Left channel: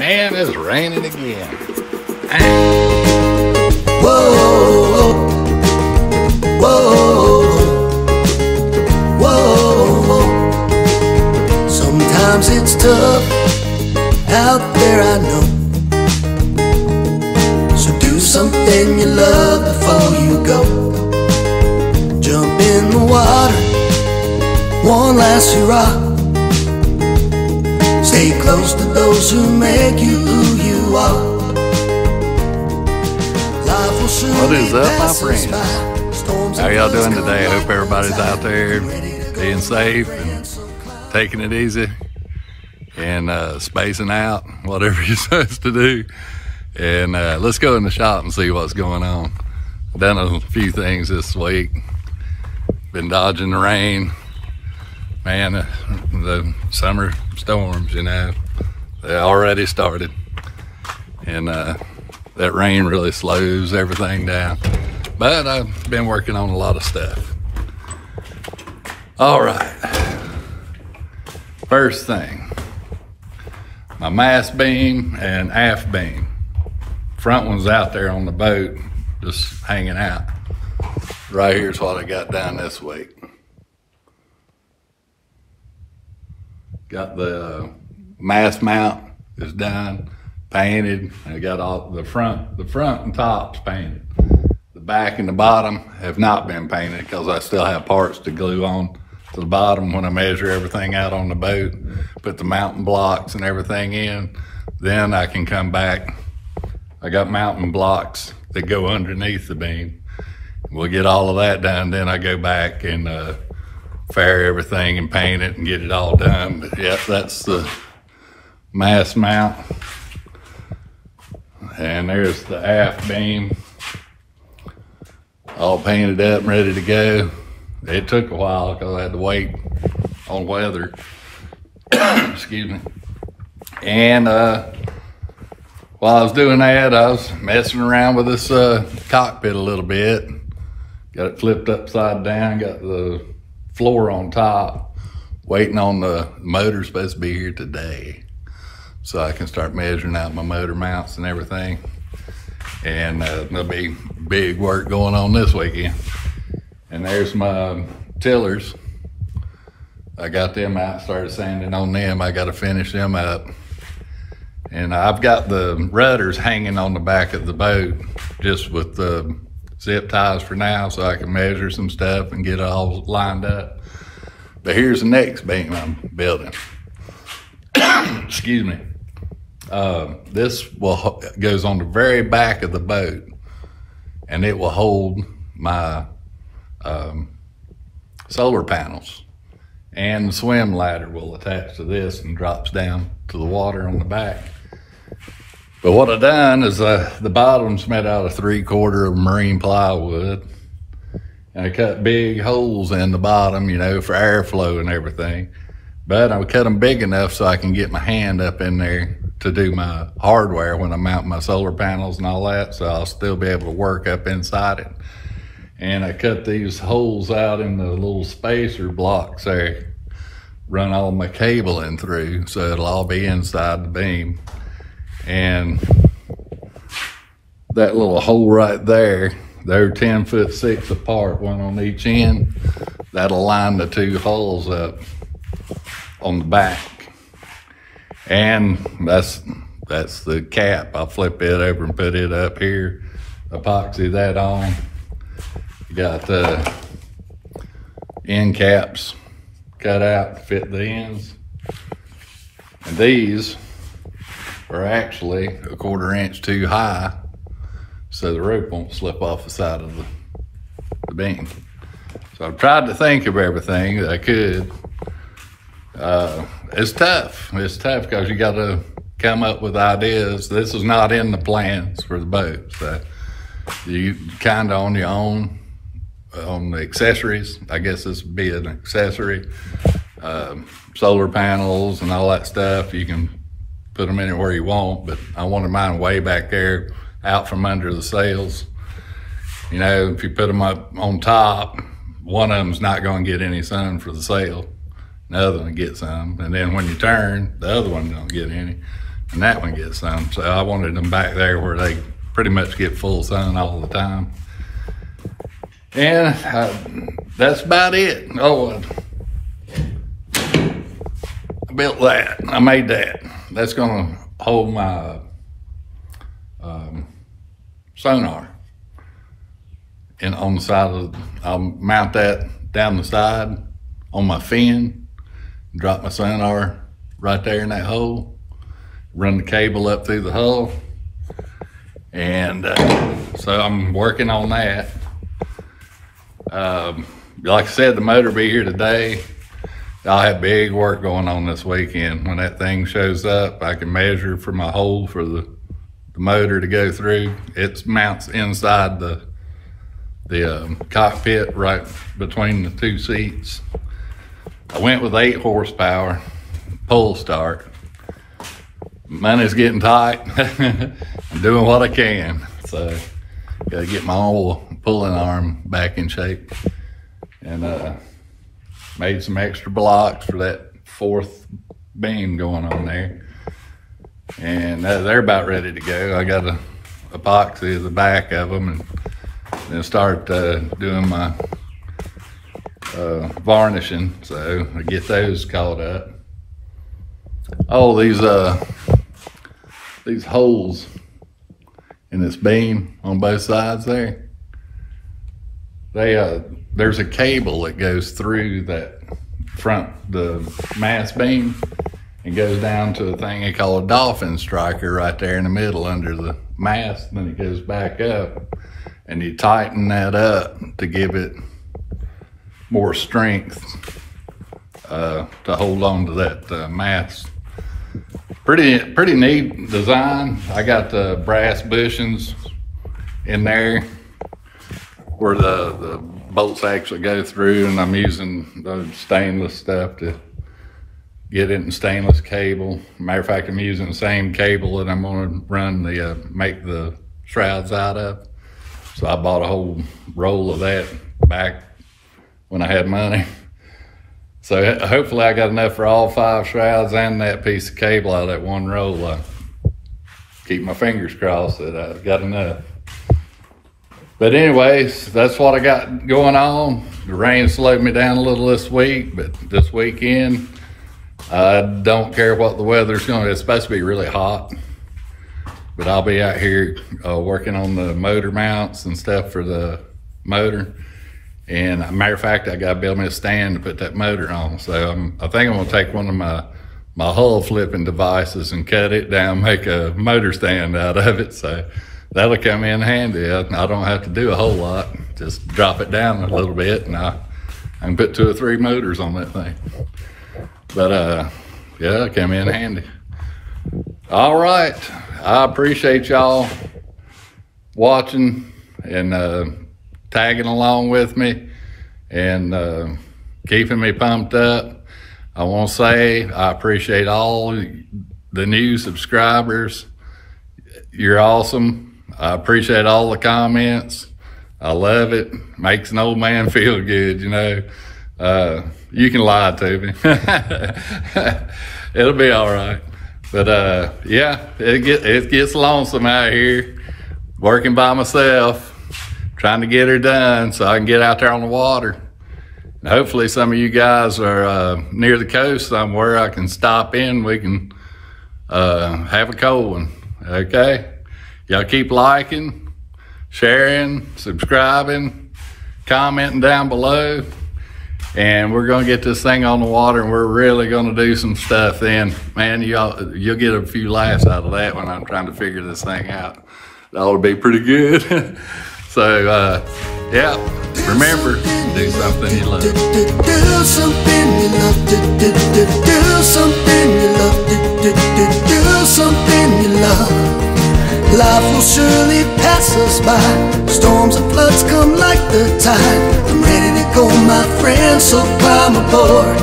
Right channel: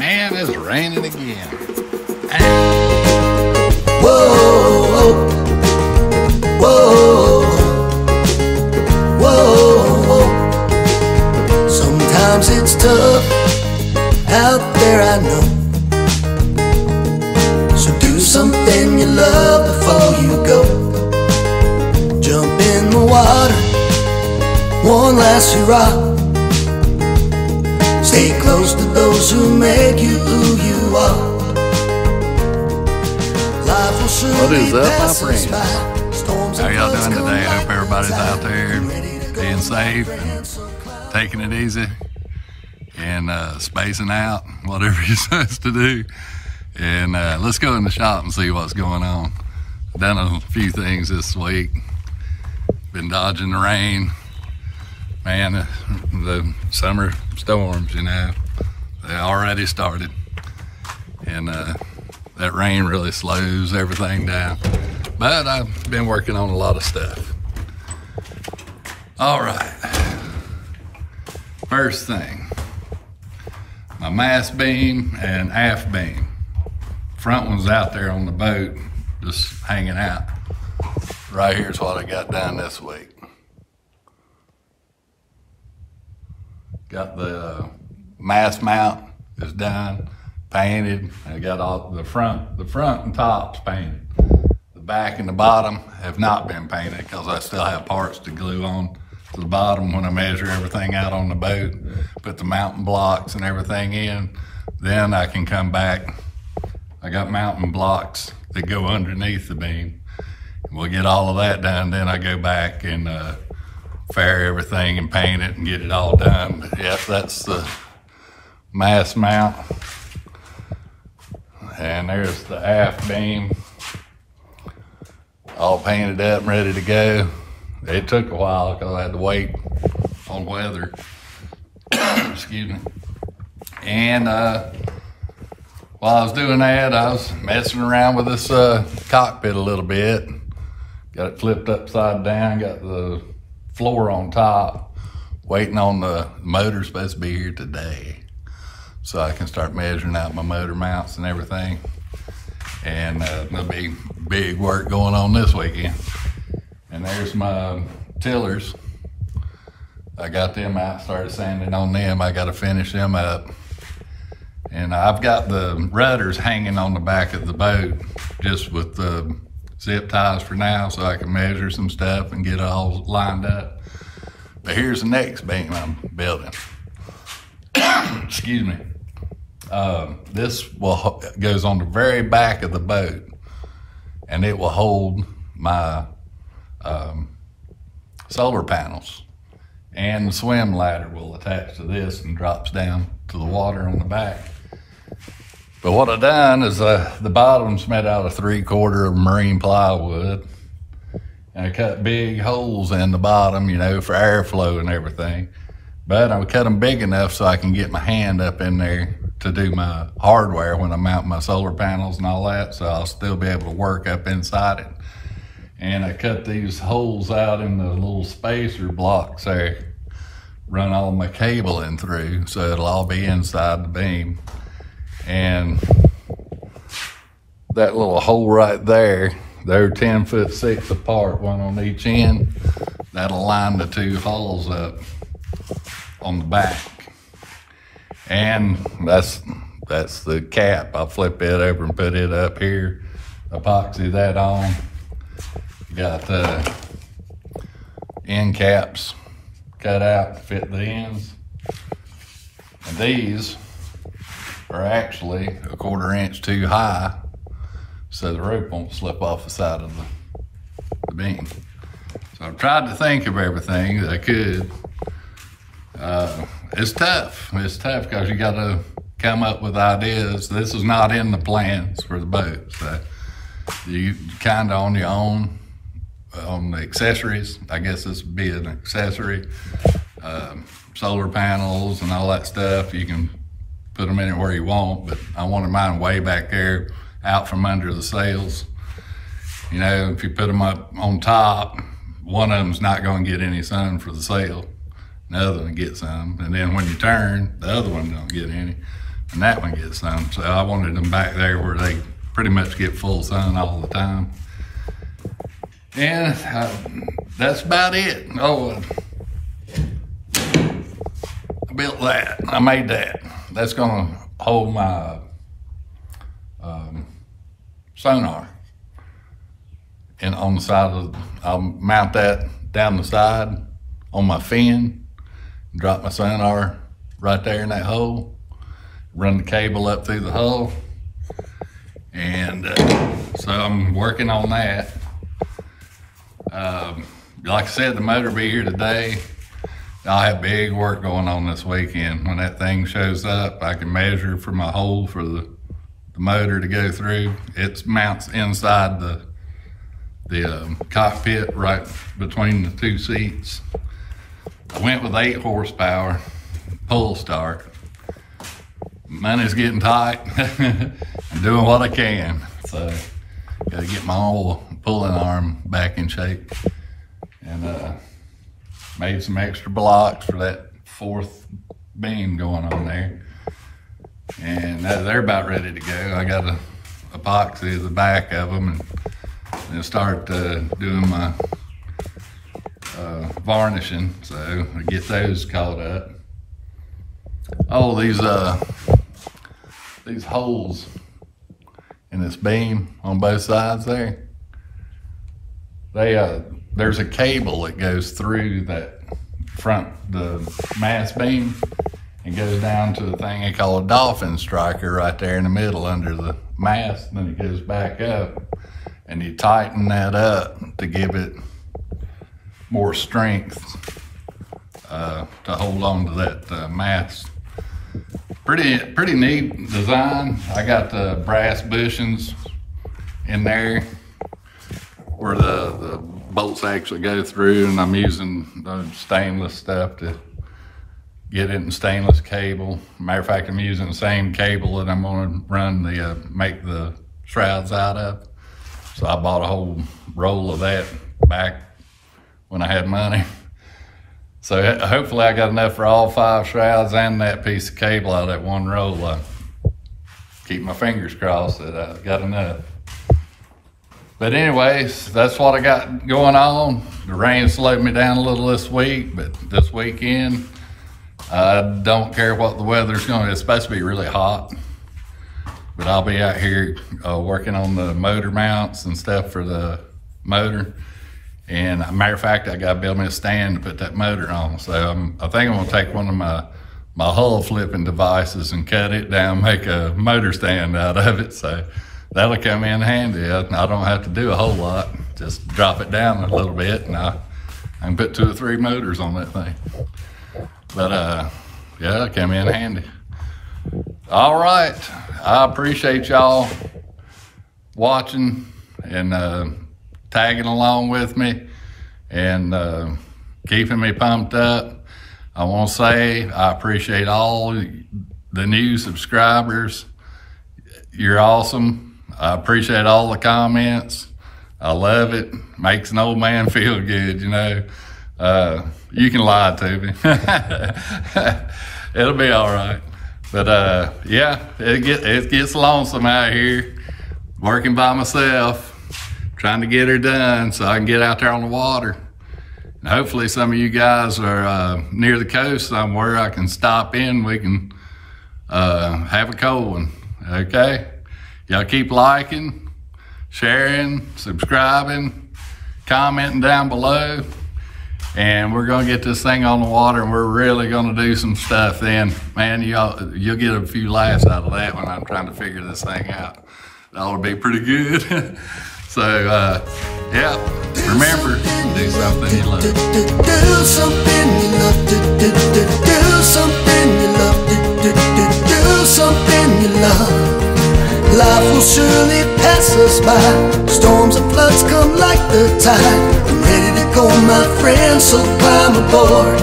Man, it's raining again. Whoa, whoa, whoa. Sometimes it's tough out there, I know. So do something you love before you go. Jump in the water, one last hurrah. Stay close to those who make you who you are. Life will soon What is up, my friends? How y'all doing today? I hope everybody's out there being safe and taking it easy and spacing out, whatever you're supposed to do. And let's go in the shop and see what's going on. I've done a few things this week. Been dodging the rain. Man, the summer storms, you know, they already started. And that rain really slows everything down. But I've been working on a lot of stuff. All right. First thing, my mast beam and aft beam. Front one's out there on the boat, just hanging out. Right here's what I got done this week. Got the mast mount is done, painted. I got all the front and tops painted. The back and the bottom have not been painted because I still have parts to glue on to the bottom when I measure everything out on the boat, put the mounting blocks and everything in. Then I can come back. I got mounting blocks that go underneath the beam. We'll get all of that done. Then I go back and fair everything and paint it and get it all done. But yeah, that's the mast mount. And there's the aft beam, all painted up and ready to go. It took a while because I had to wait on weather. Excuse me. And while I was doing that, I was messing around with this cockpit a little bit. Got it flipped upside down, got the floor on top, waiting on the motor supposed to be here today. So I can start measuring out my motor mounts and everything. And there'll be big work going on this weekend. And there's my tillers. I got them out, started sanding on them. I got to finish them up. And I've got the rudders hanging on the back of the boat just with the zip ties for now so I can measure some stuff and get it all lined up. But here's the next beam I'm building. Excuse me. This goes on the very back of the boat, and it will hold my solar panels. And the swim ladder will attach to this and drops down to the water on the back. But what I've done is the bottom's made out of 3/4 of marine plywood. And I cut big holes in the bottom, you know, for airflow and everything. But I cut them big enough so I can get my hand up in there to do my hardware when I mount my solar panels and all that. So I'll still be able to work up inside it. And I cut these holes out in the little spacer blocks there, run all my cabling through so it'll all be inside the beam. And that little hole right there, they're 10'6" apart, one on each end. That'll line the two holes up on the back. And that's the cap. I'll flip it over and put it up here, epoxy that on. Got the end caps cut out to fit the ends. And these are actually 1/4 inch too high so the rope won't slip off the side of the beam. So I've tried to think of everything that I could. It's tough. It's tough because you got to come up with ideas. This is not in the plans for the boat. So you kind of on your own on the accessories. I guess this would be an accessory. Solar panels and all that stuff. You can put them anywhere you want, but I wanted mine way back there out from under the sails. You know, if you put them up on top, one of them's not going to get any sun for the sail. The other one gets some. And then when you turn, the other one don't get any. and that one gets sun. So I wanted them back there where they pretty much get full sun all the time. And that's about it. Oh, I built that. I made that. That's gonna hold my sonar. And on the side of, I'll mount that down the side on my fin, drop my sonar right there in that hole, run the cable up through the hole. And so I'm working on that. Like I said, the motor will be here today. I'll have big work going on this weekend. When that thing shows up, I can measure for my hole for the motor to go through. It mounts inside the cockpit right between the two seats. I went with 8 horsepower, pull start. Money's getting tight. I'm doing what I can. So gotta get my old pulling arm back in shape. And made some extra blocks for that 4th beam going on there. And they're about ready to go. I got a epoxy at the back of them and then start doing my varnishing. So I get those caught up. Oh, these holes in this beam on both sides there, there's a cable that goes through that the mast beam and goes down to a thing they call a dolphin striker right there in the middle under the mast, and then it goes back up, and you tighten that up to give it more strength to hold on to that mast. Pretty neat design. I got the brass bushings in there where the bolts actually go through, and I'm using the stainless stuff to get it in stainless cable. Matter of fact, I'm using the same cable that I'm gonna run make the shrouds out of. So I bought a whole roll of that back when I had money. So hopefully I got enough for all 5 shrouds and that piece of cable out of that one roll. I keep my fingers crossed that I've got enough. But anyways, that's what I got going on. The rain slowed me down a little this week, but this weekend, I don't care what the weather's going to be. It's supposed to be really hot, but I'll be out here working on the motor mounts and stuff for the motor. And matter of fact, I got to build me a stand to put that motor on. So I think I'm gonna take one of my hull flipping devices and cut it down, make a motor stand out of it. So that'll come in handy. I don't have to do a whole lot. Just drop it down a little bit and I can put 2 or 3 motors on that thing. But yeah, it'll come in handy. All right, I appreciate y'all watching and tagging along with me and keeping me pumped up. I want to say I appreciate all the new subscribers. You're awesome. I appreciate all the comments. I love it. Makes an old man feel good, you know. You can lie to me. It'll be all right. But yeah, it gets lonesome out here working by myself, trying to get her done so I can get out there on the water. And hopefully some of you guys are near the coast somewhere. I can stop in, we can have a cold one, okay? Y'all keep liking, sharing, subscribing, commenting down below. And we're gonna get this thing on the water and we're really gonna do some stuff then. Man, you'll get a few laughs out of that when I'm trying to figure this thing out. That ought to be pretty good. So, yeah, remember, do something you love. Do something you love. Do something you love. Do something you love. Life will surely pass us by. Storms and floods come like the tide. I'm ready to go, my friend, so climb aboard.